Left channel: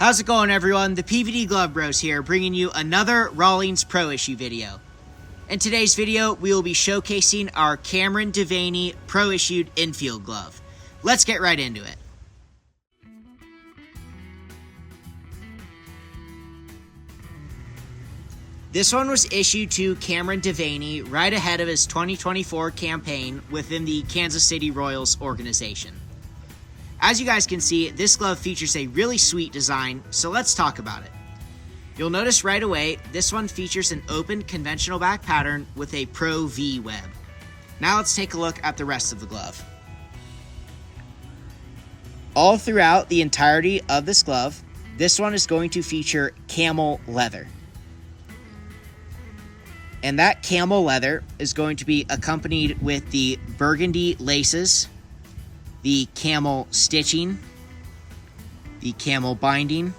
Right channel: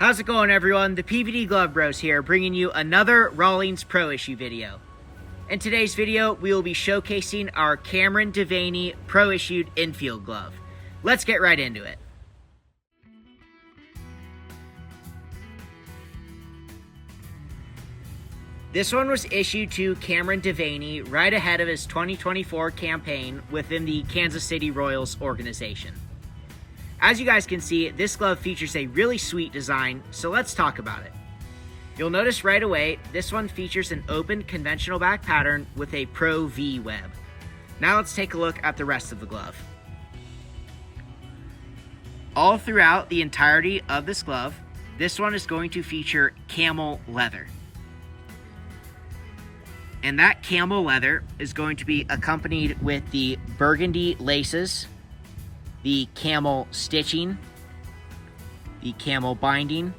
How's it going, everyone? The PVD Glove Bros here, bringing you another Rawlings Pro Issue video. In today's video, we will be showcasing our Cameron Devanney Pro Issued Infield Glove. Let's get right into it. This one was issued to Cameron Devanney right ahead of his 2024 campaign within the Kansas City Royals organization. As you guys can see, this glove features a really sweet design, so let's talk about it. You'll notice right away, this one features an open conventional back pattern with a Pro V web. Now let's take a look at the rest of the glove. All throughout the entirety of this glove, this one is going to feature camel leather. And that camel leather is going to be accompanied with the burgundy laces, the camel stitching, the camel binding,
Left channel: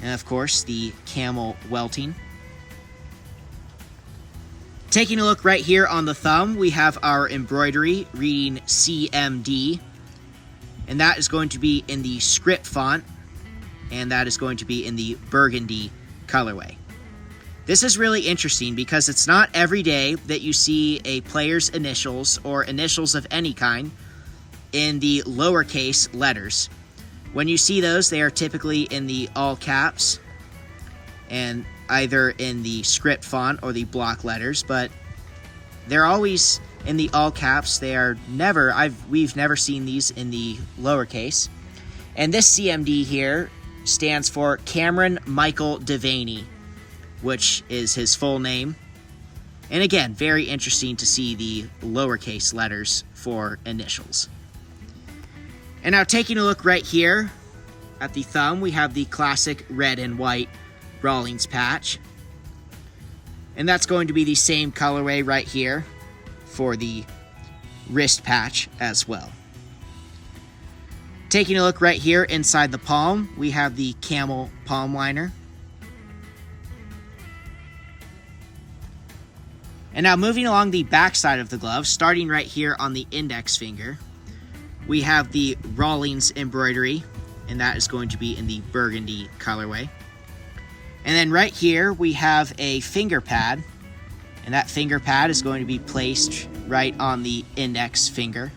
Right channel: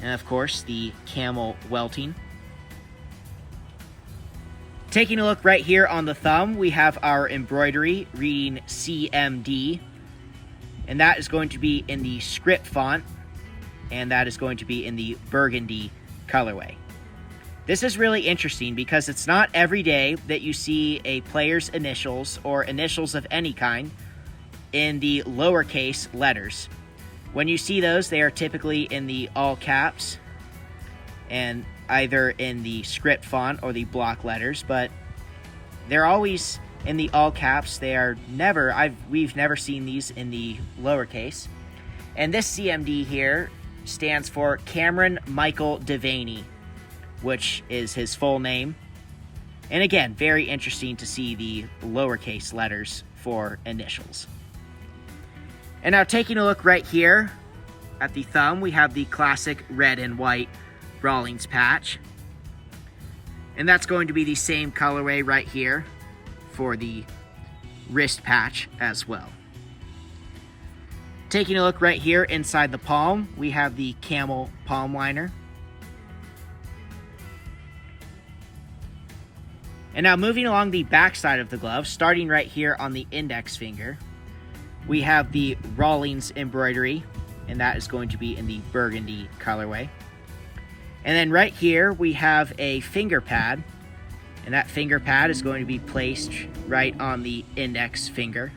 and of course the camel welting. Taking a look right here on the thumb, we have our embroidery reading CMD, and that is going to be in the script font, and that is going to be in the burgundy colorway. This is really interesting because it's not every day that you see a player's initials or initials of any kind in the lowercase letters. When you see those, they are typically in the all caps and either in the script font or the block letters, but they're always in the all caps. They are never, we've never seen these in the lowercase. And this CMD here stands for Cameron Michael Devanney, which is his full name. And again, very interesting to see the lowercase letters for initials. And now taking a look right here at the thumb, we have the classic red and white Rawlings patch. And that's going to be the same colorway right here for the wrist patch as well. Taking a look right here inside the palm, we have the camel palm liner. And now moving along the back side of the glove, starting right here on the index finger, we have the Rawlings embroidery, and that is going to be in the burgundy colorway. And then right here, we have a finger pad, and that finger pad is going to be placed right on the index finger.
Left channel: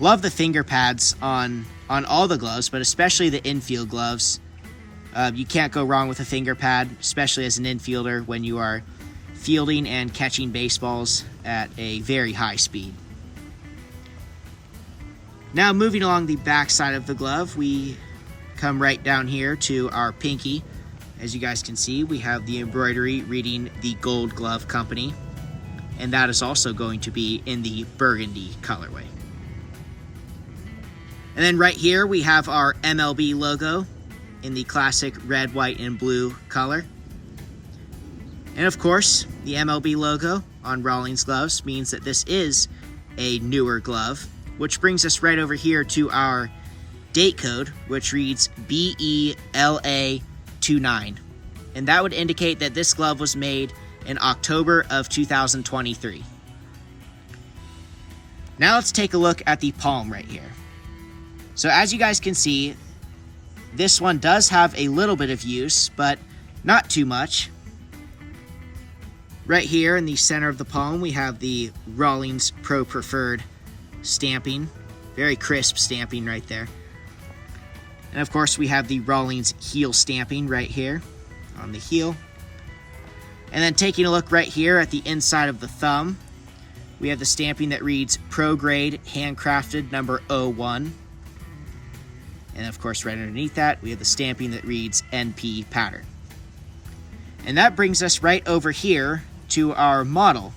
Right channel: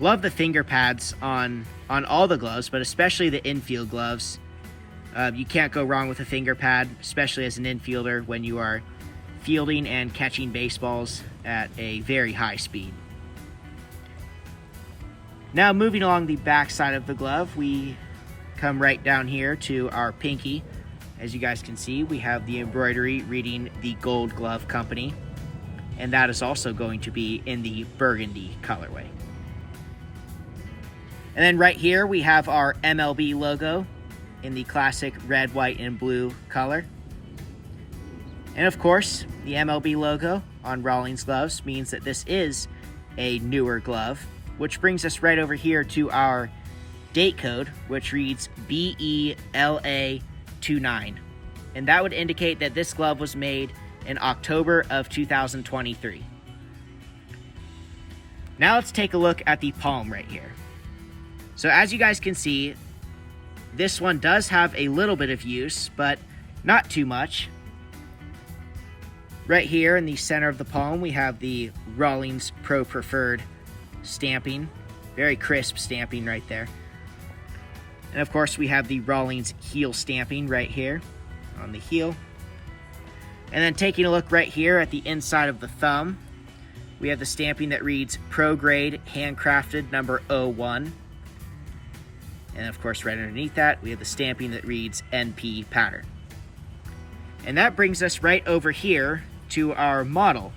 Love the finger pads on all the gloves, but especially the infield gloves. You can't go wrong with a finger pad, especially as an infielder when you are fielding and catching baseballs at a very high speed. Now moving along the back side of the glove, we come right down here to our pinky. As you guys can see, we have the embroidery reading the Gold Glove Company, and that is also going to be in the burgundy colorway. And then right here we have our MLB logo in the classic red, white, and blue color. And of course, the MLB logo on Rawlings gloves means that this is a newer glove, which brings us right over here to our date code, which reads BELA29. And that would indicate that this glove was made in October of 2023. Now let's take a look at the palm right here. So as you guys can see, this one does have a little bit of use, but not too much. Right here in the center of the palm, we have the Rawlings Pro Preferred stamping. Very crisp stamping right there. And of course, we have the Rawlings heel stamping right here on the heel. And then taking a look right here at the inside of the thumb, we have the stamping that reads Pro Grade Handcrafted number 01. And of course, right underneath that, we have the stamping that reads NP Pattern. And that brings us right over here to our model.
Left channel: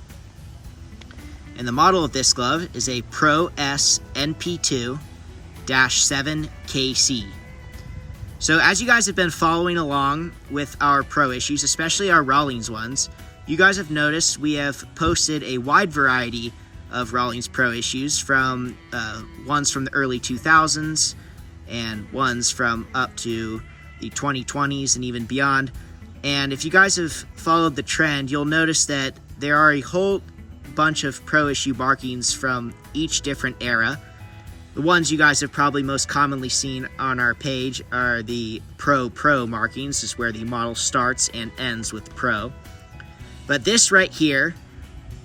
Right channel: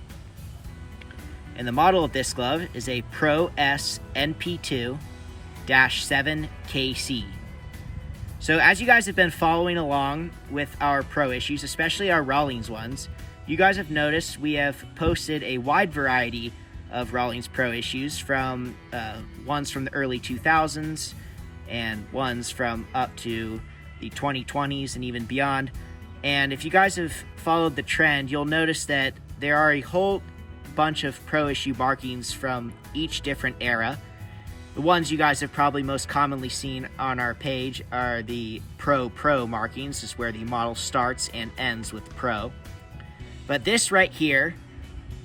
And the model of this glove is a PROSNP2-7KC. So as you guys have been following along with our pro issues, especially our Rawlings ones, you guys have noticed we have posted a wide variety of Rawlings pro issues, from ones from the early 2000s and ones from up to the 2020s and even beyond. And if you guys have followed the trend, you'll notice that there are a whole bunch of pro issue markings from each different era. The ones you guys have probably most commonly seen on our page are the Pro markings. This is where the model starts and ends with Pro. But this right here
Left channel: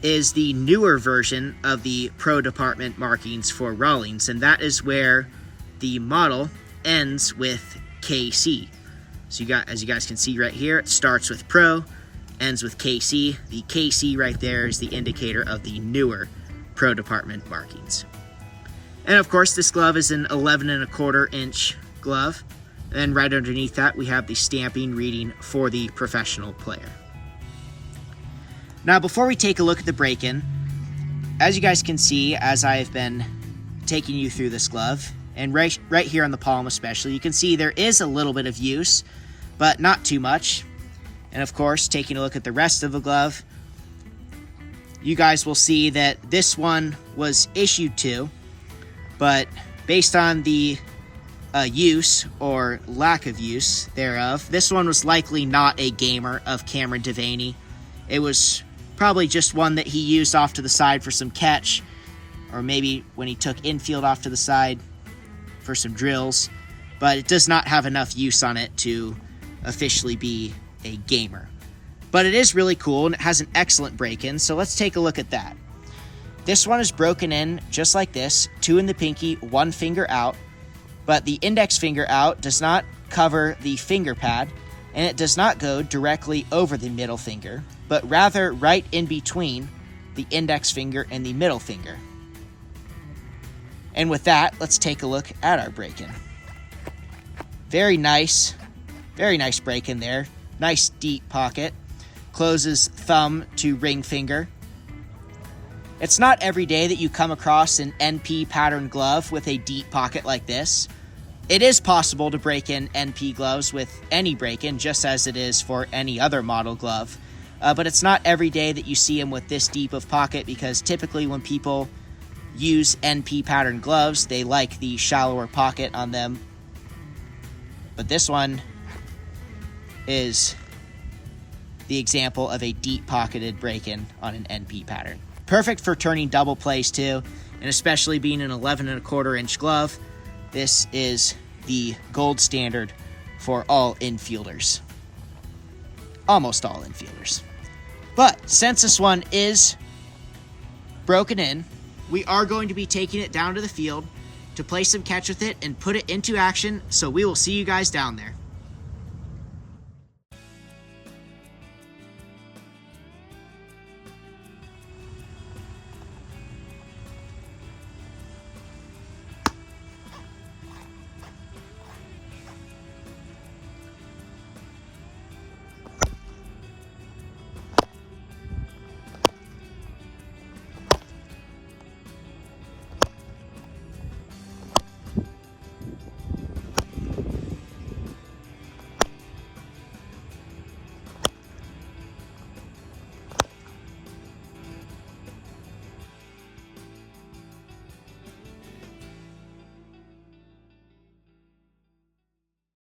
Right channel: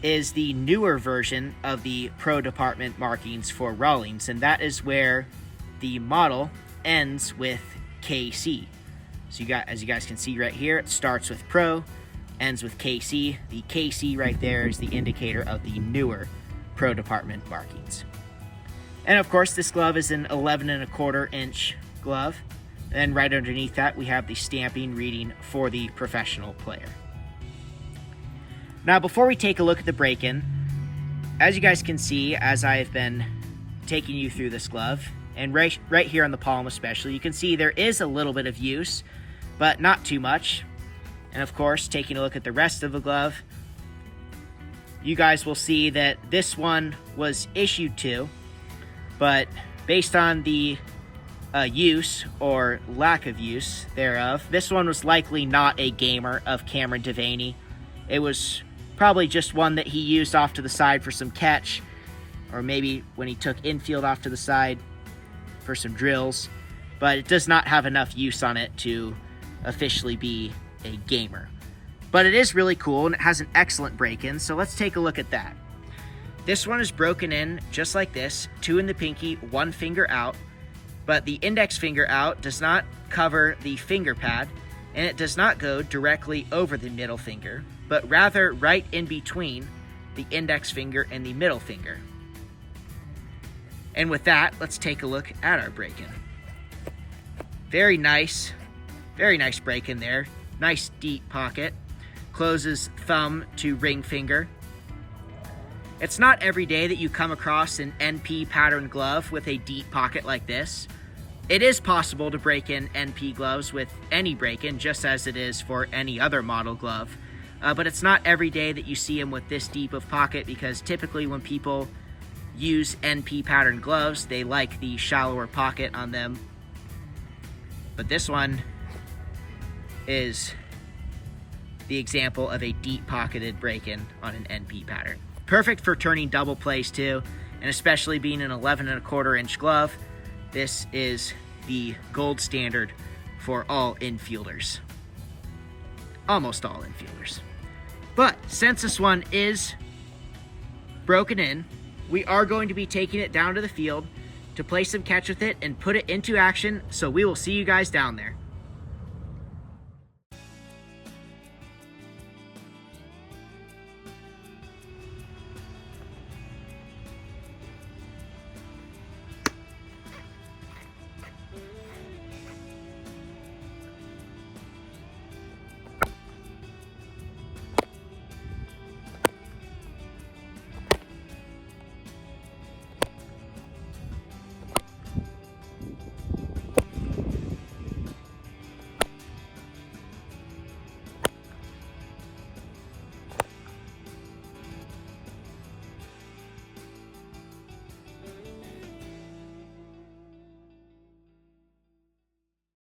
is the newer version of the Pro department markings for Rawlings, and that is where the model ends with KC. So as you guys can see right here, it starts with Pro, ends with KC. The KC right there is the indicator of the newer Pro department markings. And of course, this glove is an 11¼ inch glove. And right underneath that, we have the stamping reading for the professional player. Now, before we take a look at the break-in, as you guys can see, as I've been taking you through this glove, and right here on the palm especially, you can see there is a little bit of use, but not too much. And of course, taking a look at the rest of the glove, you guys will see that this one was issued to, but based on the use or lack of use thereof, this one was likely not a gamer of Cameron Devanney. It was probably just one that he used off to the side for some catch, or maybe when he took infield off to the side for some drills, but it does not have enough use on it to officially be a gamer. But it is really cool, and it has an excellent break-in, so let's take a look at that. This one is broken in just like this, 2 in the pinky, 1 finger out, but the index finger out does not cover the finger pad, and it does not go directly over the middle finger, but rather right in between the index finger and the middle finger. And with that, let's take a look at our break-in. Very nice break-in there. Nice deep pocket. Closes thumb to ring finger. It's not every day that you come across an NP pattern glove with a deep pocket like this. It is possible to break in NP gloves with any break-in, just as it is for any other model glove. But it's not every day that you see them with this deep of pocket, because typically when people use NP pattern gloves, they like the shallower pocket on them. But this one is the example of a deep pocketed break-in on an NP pattern. Perfect for turning double plays too, and especially being an 11¼ inch glove, this is the gold standard for all infielders. Almost all infielders. But since this one is broken in, we are going to be taking it down to the field to play some catch with it and put it into action, so we will see you guys down there.